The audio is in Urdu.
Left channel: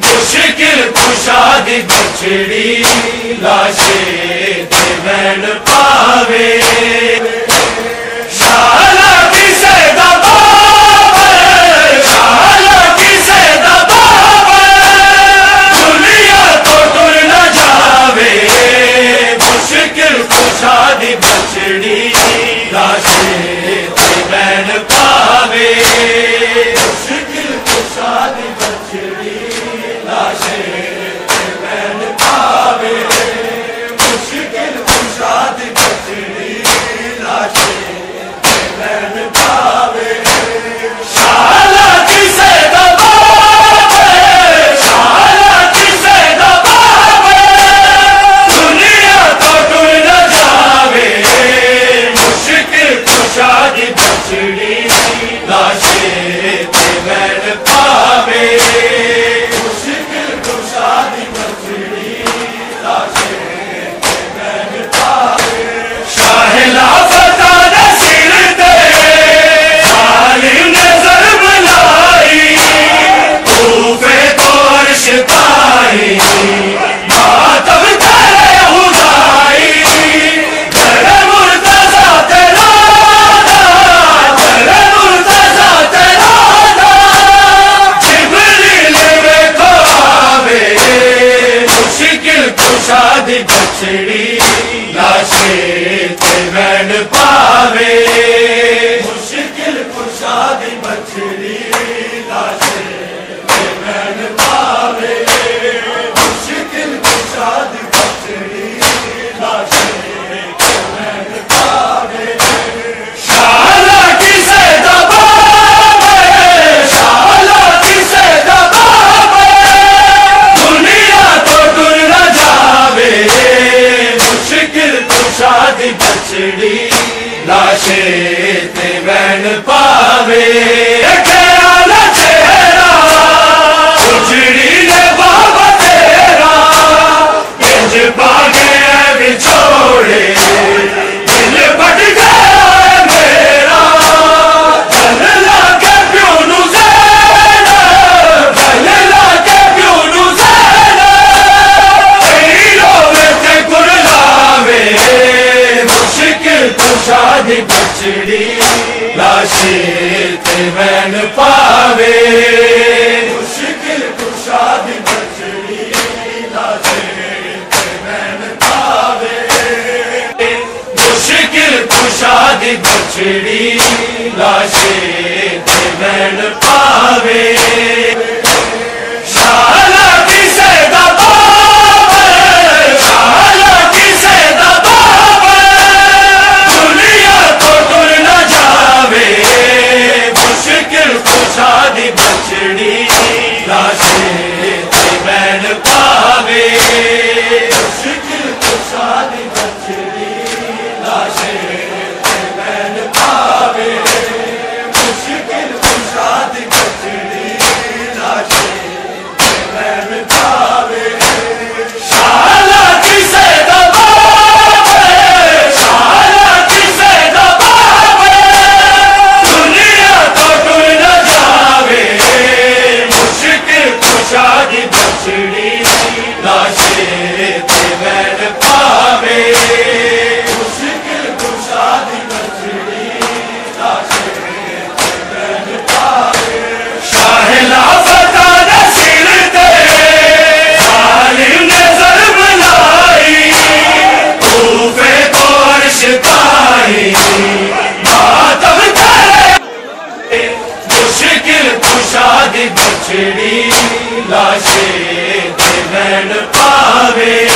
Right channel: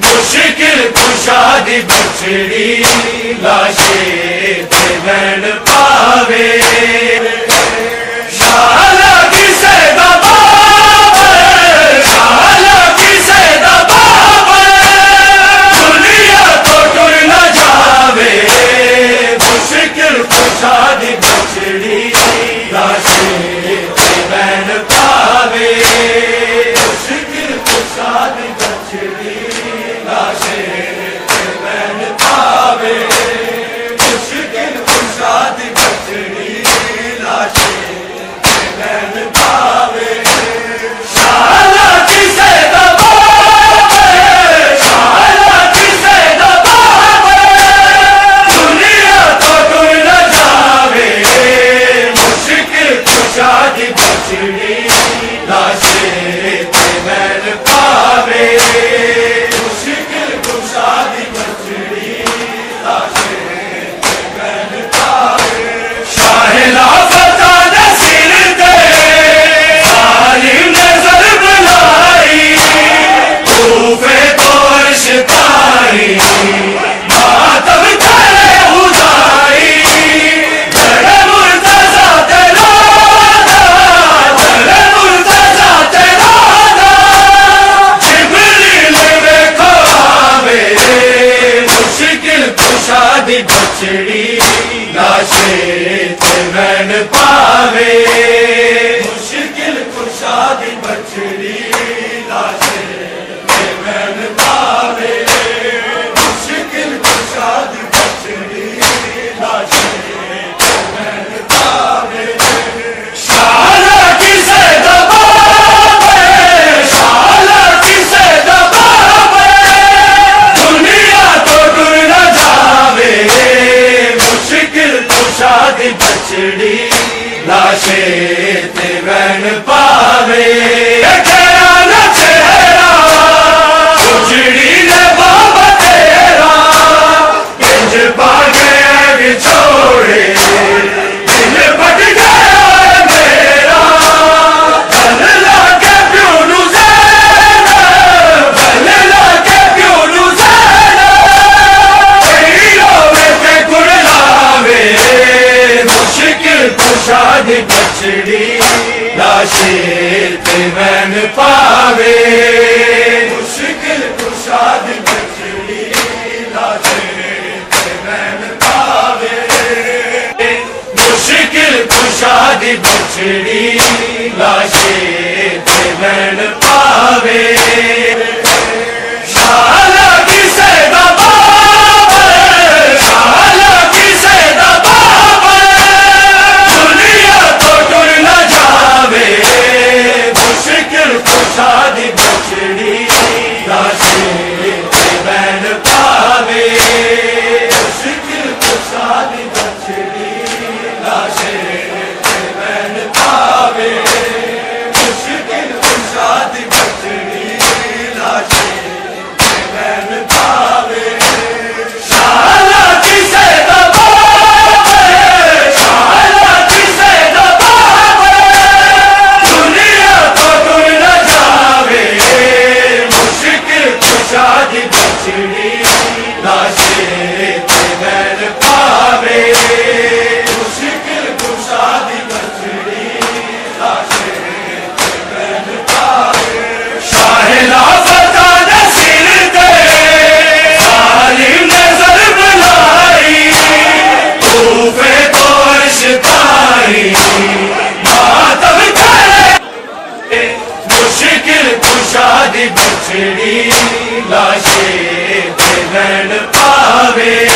مشکل کشاد بچھڑی لاشیں بین پاوے شالا کی سیدہ بابا شالا کی سیدہ بابا دنیا تو ٹر نہ جاوے مشکل کشاد بچھڑی لاشیں بین پاوے مشکل کشاد بچھڑی بچڑی لاشیں بین پاوے مشکل کشاد بچڑی لاشیں بین پاوے مشکل کشاد بچڑی لاشیں بین پاوے شالا کی سیدہ بابا شالا کی سیدہ بابا دنیا تو ٹر نہ جاوے کشاد بچڑی لاشیں بین پاوے خیال چہرہ گجری لے بابا تیرا انج بغیر چھوڑے دل بٹ گیا میرا بھل لاگے پیو نو زینب بھل لاگے پیو نو زینب تیری روے تے گڑاوے مشکل کشاد بچڑی لاشیں بین پاوے مشکل کشاد بچڑی لاشیں بین پاوے مشکل کشاد بچڑی لاشیں بین پاوے شالا کی سیدہ بابا شالا کی سیدہ بابا دنیا تو ٹر نہ جاوے مشکل کشاد بچڑی لاشیں بین پاوے مشکل کشاد بچڑی لاشیں بین پاوے مشکل کشاد بچڑی لاشیں بین پاوے شالا کی سیدہ بابا شالا کی سیدہ بابا دنیا تو ٹر نہ جاوے مشکل کشاد بچڑی لاشیں بین پاوے مشکل کشاد بچڑی لاشیں بین پاوے شاہلا فتح نصیر دے ظالم نے ضرب لائی کوفے کو عرش تاری ماتم کرے مشکل کشاد بچڑی لاشیں بین پاوے